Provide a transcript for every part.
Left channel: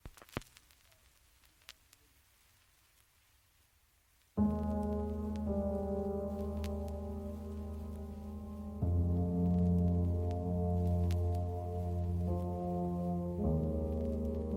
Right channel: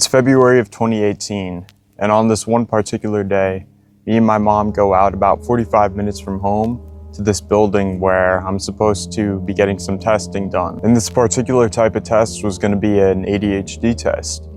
It's February of 2018, and on this one particular day, me and my mom go out about 45 minutes from home to this building where I'm supposed to be getting some testing done. And this particular type of test was going to be an ADHD test.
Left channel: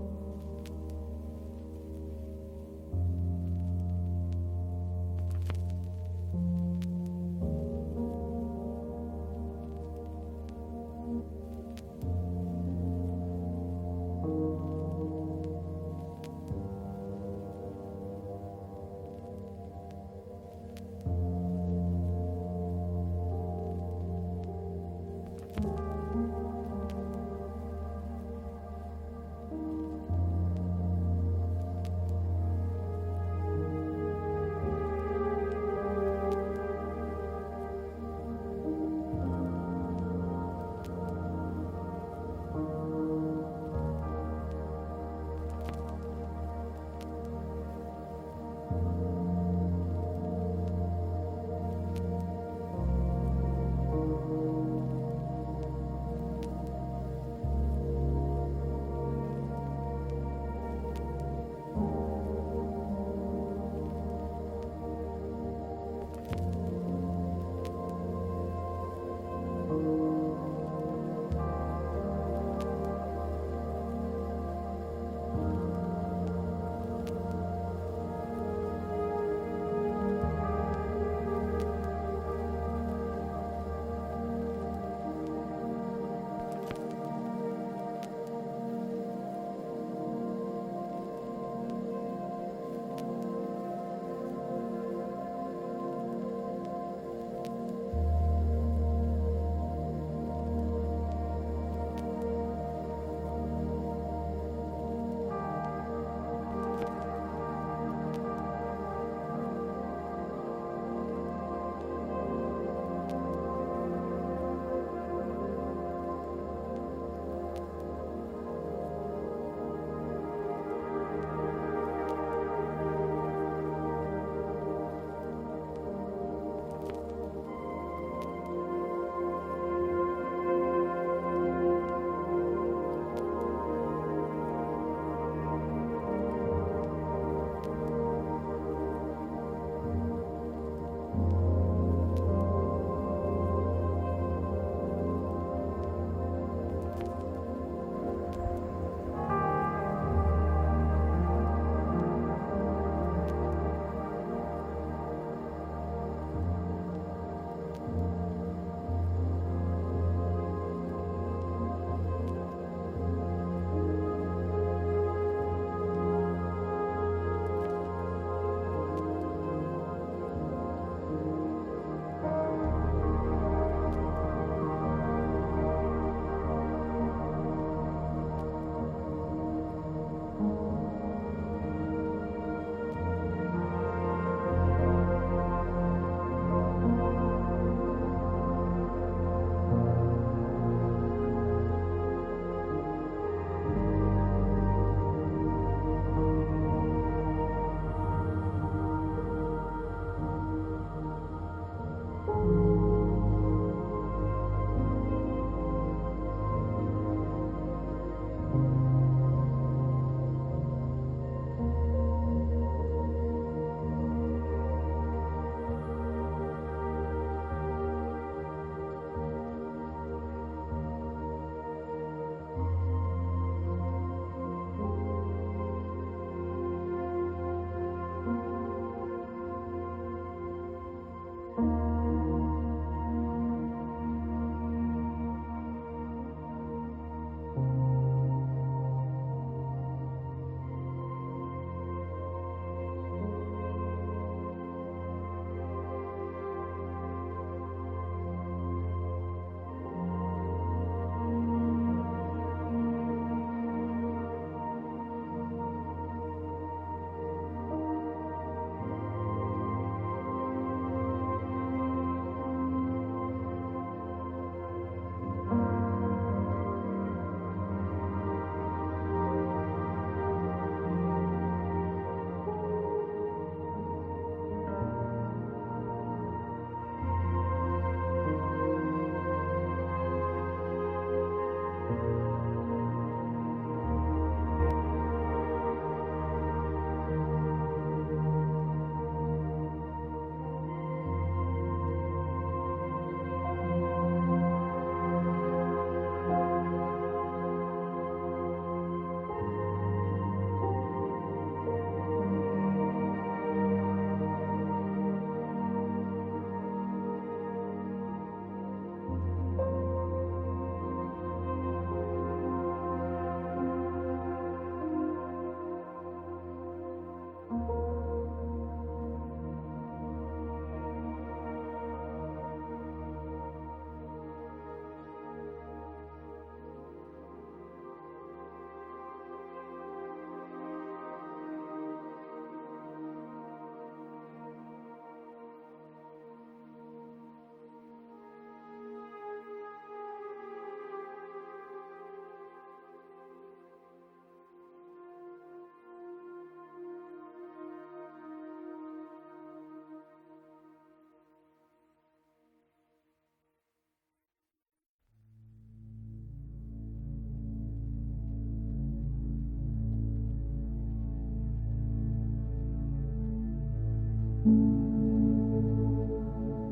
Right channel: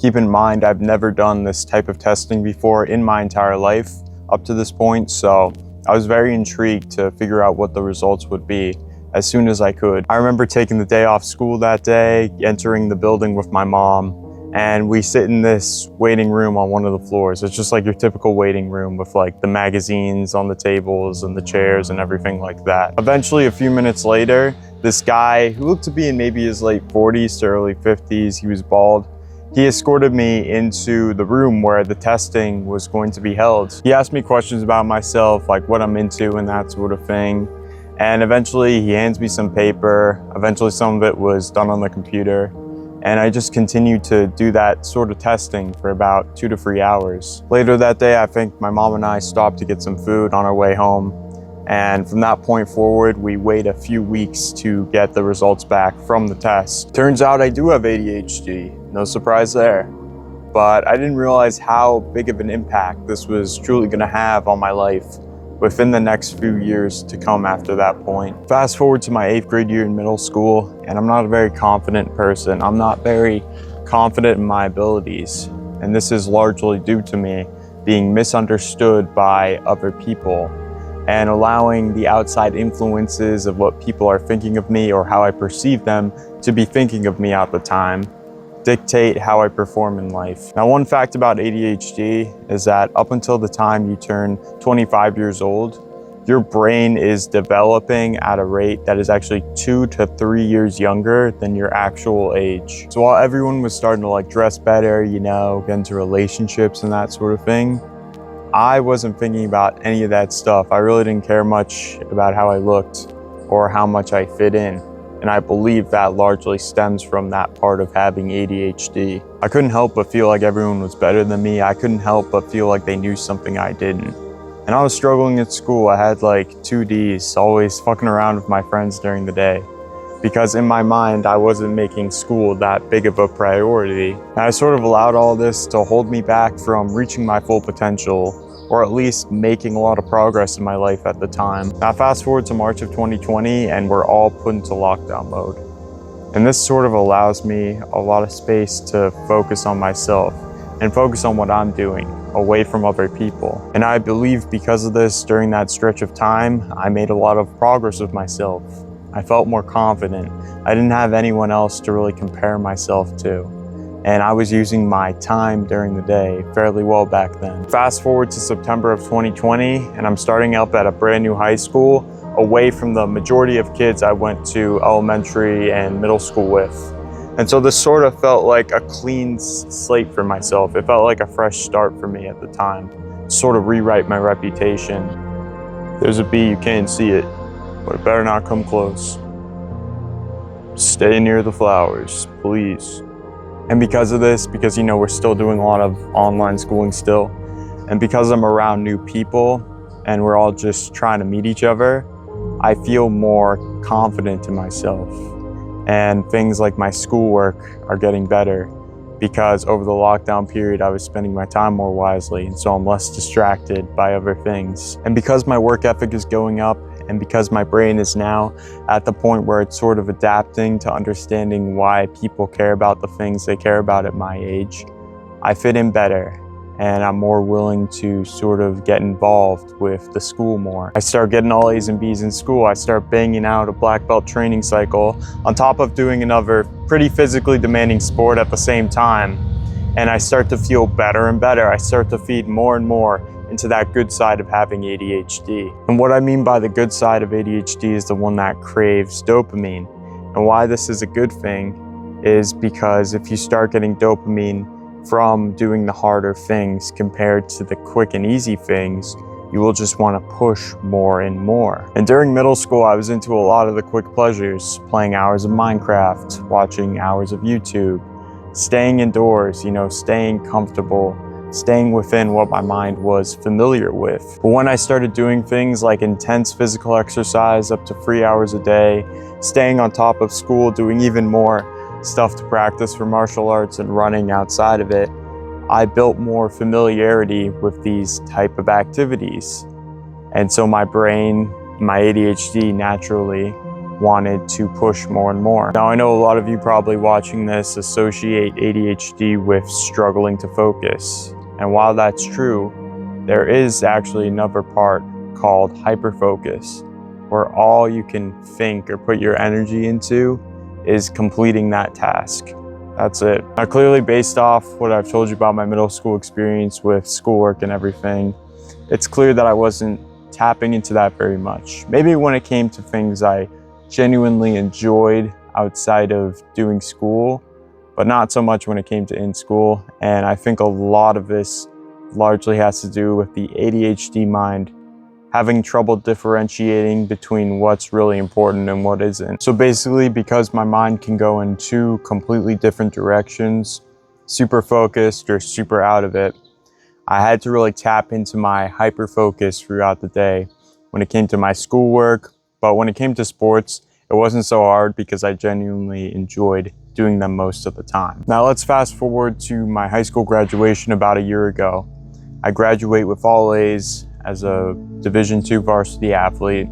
Keep in mind, I've never done this type of testing before in my entire life up to this point, so I was very intrigued to figure out what the results would be as soon as I could. I remember taking the day off school that day, entering the building with my mom, and we sit in this waiting room on one of the floors. It's just like your typical waiting room with like the magazines on the tables and the chairs and everything like that. Eventually, a few minutes later, this guy who looked to be in maybe his late 40s to early 50s, he was bald, he escorted me into the room where the testing was going to be held. He asked me questions about myself, like what I'm into and that sort of thing. And eventually he hands me some paper. Eventually some of it was done on the computer. And I just continued to do that sort of testing for about 2 to 3 hours. Later that day, I think my mom and I stopped to get some food on our way home. And from that point forward, we wait a few weeks to get the results back from the test. Turns out I do have ADHD, no surprise there. But I didn't realize how big of an impact this was truly gonna have on my life within the next few years to come after that point. Fast forward to my 8th grade year in middle school, and I'm not a very confident person. I'm not very confident in my abilities. And this is largely due to me being misunderstood by other people and allowing the outside influences of what people are thinking of me or how I perceive them to be thinking of me at the time dictate how I perform in life. Now, one fact about ADHD is that up until the time you turn 25 years old, your brain is developing at a rate that is actually 2 to 3 years younger than your actual age. So while everyone was starting to like dress better, you know, get into relationships and that sort of thing, I wasn't thinking about any of that stuff. I really didn't care much about how I looked or how much I fit in. And I believe that largely stems from that part of having ADHD. I couldn't help but feel like everyone was better than me. I couldn't help but feel like they knew something I didn't. And I was struggling at school. I had like 2 Ds, always fucking around with my friends during the day. Because in my mind, I wasn't making school that big of a priority. And I sort of allowed all this to hold me back from reaching my full potential, or at least making a lot of progress in my life at the time. Now fast forward to March of 2020 and we're all put into lockdown mode. And this sort of allows me a lot of space to focus on myself and focus on what I'm doing away from other people. And I believe because of this, during that stretch of time, I made a lot of progress with myself. I felt more confident. I didn't have anyone else to really compare myself to. And I was using my time during the day fairly well back then. Fast forward to September of 2020, and I'm starting up at a brand new high school away from the majority of kids I went to elementary and middle school with. And so this sort of felt like a clean slate for myself. It felt like a fresh start for me at the time, to sort of rewrite my reputation. There's a bee, you can't see it, but it better not come close. Stay near the flowers, please. And because of this, because you know we're still doing a lot of online schooling still, and because I'm around new people and we're all just trying to meet each other, I feel more confident in myself. And things like my schoolwork are getting better because over the lockdown period, I was spending my time more wisely, and so I'm less distracted by other things. And because my work ethic is going up, and because my brain is now at the point where it's sort of adapting to understanding why people care about the things they care about at my age, I fit in better and I'm more willing to sort of get involved with the school more. I start getting all A's and B's in school. I start banging out a black belt training cycle on top of doing another pretty physically demanding sport at the same time. And I start to feel better and better. I start to feed more and more into that good side of having ADHD. And what I mean by the good side of ADHD is the one that craves dopamine. And why this is a good thing is because if you start getting dopamine from doing the harder things compared to the quick and easy things, you will just want to push more and more. And during middle school, I was into a lot of the quick pleasures, playing hours of Minecraft, watching hours of YouTube, staying indoors, you know, staying comfortable, staying within what my mind was familiar with. But when I started doing things like intense physical exercise up to 3 hours a day, staying on top of school, doing even more, stuff to practice for martial arts and running outside of it, I built more familiarity with these type of activities. And so my brain, my ADHD naturally wanted to push more and more. Now I know a lot of you probably watching this associate ADHD with struggling to focus. And while that's true, there is actually another part called hyperfocus, where all you can think or put your energy into is completing that task. That's it. Now clearly, based off what I've told you about my middle school experience with schoolwork and everything, it's clear that I wasn't tapping into that very much. Maybe when it came to things I genuinely enjoyed outside of doing school, but not so much when it came to in school. And I think a lot of this largely has to do with the ADHD mind having trouble differentiating between what's really important and what isn't. So basically, because my mind can go in two completely different directions, super focused or super out of it, I had to really tap into my hyper focus throughout the day when it came to my schoolwork. But when it came to sports, it wasn't so hard because I genuinely enjoyed doing them most of the time. Now let's fast forward to my high school graduation about a year ago. I graduate with all A's as a Division II varsity athlete,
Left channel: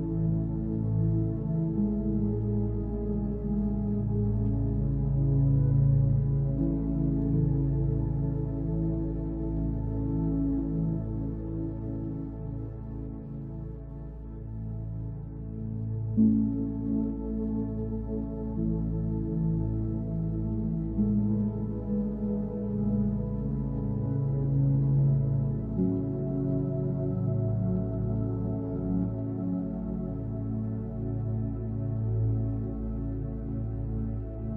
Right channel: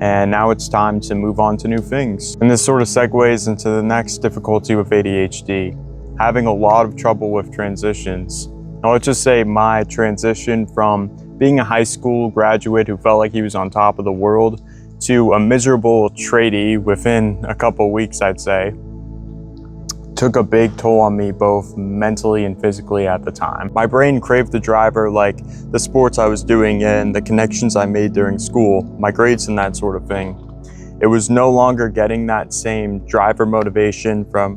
and now it's time to move on to new things. And this sort of segues into the next difficulty with ADHD, having a lot of trouble with transitions. Now let's just say my transition from being a high school graduate who felt like he was on top of the world to a miserable tradie within a couple weeks, I'd say, took a big toll on me both mentally and physically at the time. My brain craved the driver, like the sports I was doing and the connections I made during school, my grades and that sort of thing. It was no longer getting that same driver motivation from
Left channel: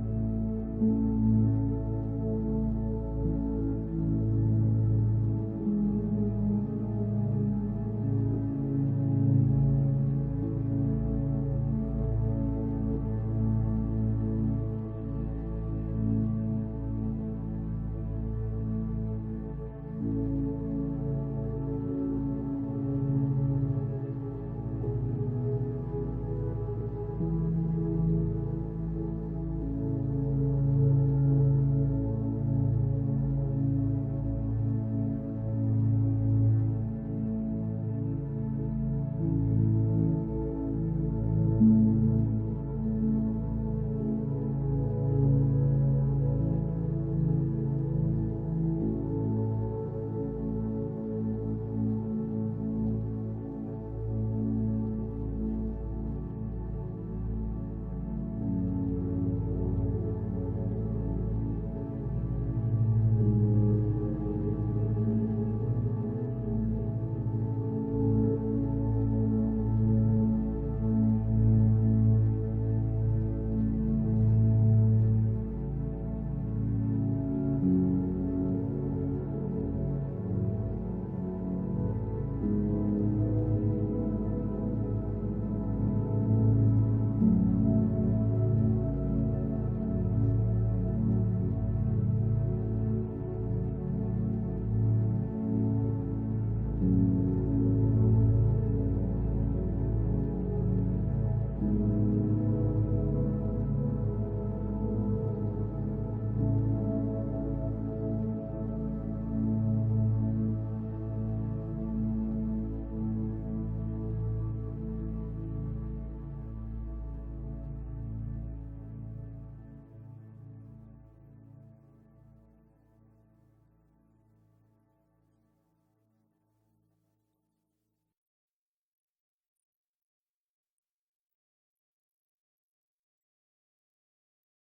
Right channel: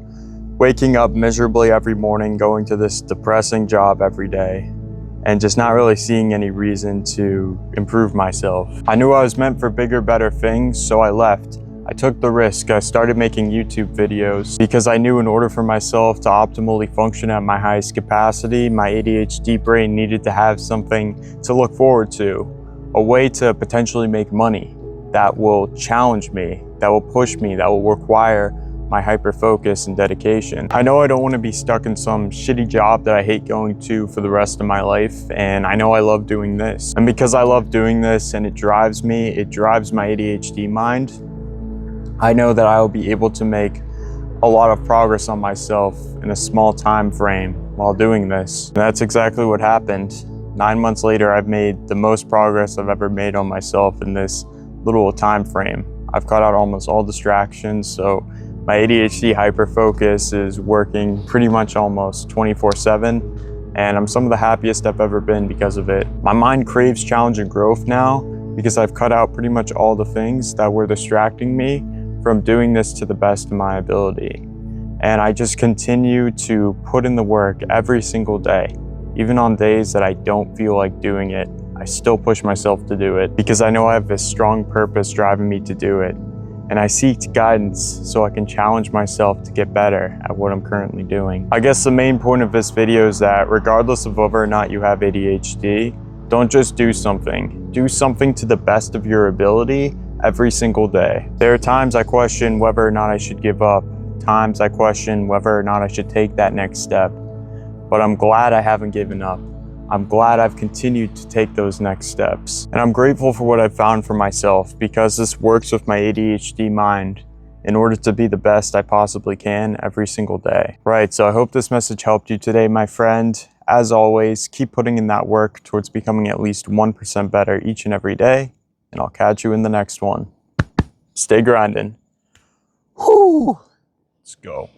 waking up miserably every morning, going to this depressing job every day, and just not really seeing any reason to improve myself. I knew I was meant for bigger, better things, so I left. I took the risk. I started making YouTube videos because I knew in order for myself to optimally function at my highest capacity, my ADHD brain needed to have something to look forward to, a way to potentially make money that will challenge me, that will push me, that will require my hyper focus and dedication. I know I don't want to be stuck in some shitty job that I hate going to for the rest of my life, and I know I love doing this. And because I love doing this and it drives me, it drives my ADHD mind, I know that I will be able to make a lot of progress on myself in a small time frame while doing this. And that's exactly what happened. 9 months later, I've made the most progress I've ever made on myself in this little time frame. I've cut out almost all distractions, so my ADHD hyperfocus is working pretty much almost 24/7, and I'm some of the happiest I've ever been because of it. My mind craves challenge and growth now because I've cut out pretty much all the things that were distracting me from doing this to the best of my ability. And I just continue to put in the work every single day. Even on days that I don't feel like doing it, I still push myself to do it because I know I have this strong purpose driving me to do it. And I seek guidance so I can challenge myself to get better at what I'm currently doing. I guess the main point of this video is that regardless of whether or not you have ADHD, don't just do something. Do something to the best of your ability every single day. There are times I question whether or not I should give up, times I question whether or not I should take that next step. But I'm glad I haven't given up. I'm glad I've continued to take those next steps. And I'm grateful for what I've found for myself because this works with my ADHD mind in order to be the best I possibly can every single day. Right, so I hope this message helped you today, my friend. As always, keep putting in that work towards becoming at least 1% better each and every day, and I'll catch you in the next one. Stay grinding. Whew. Let's go.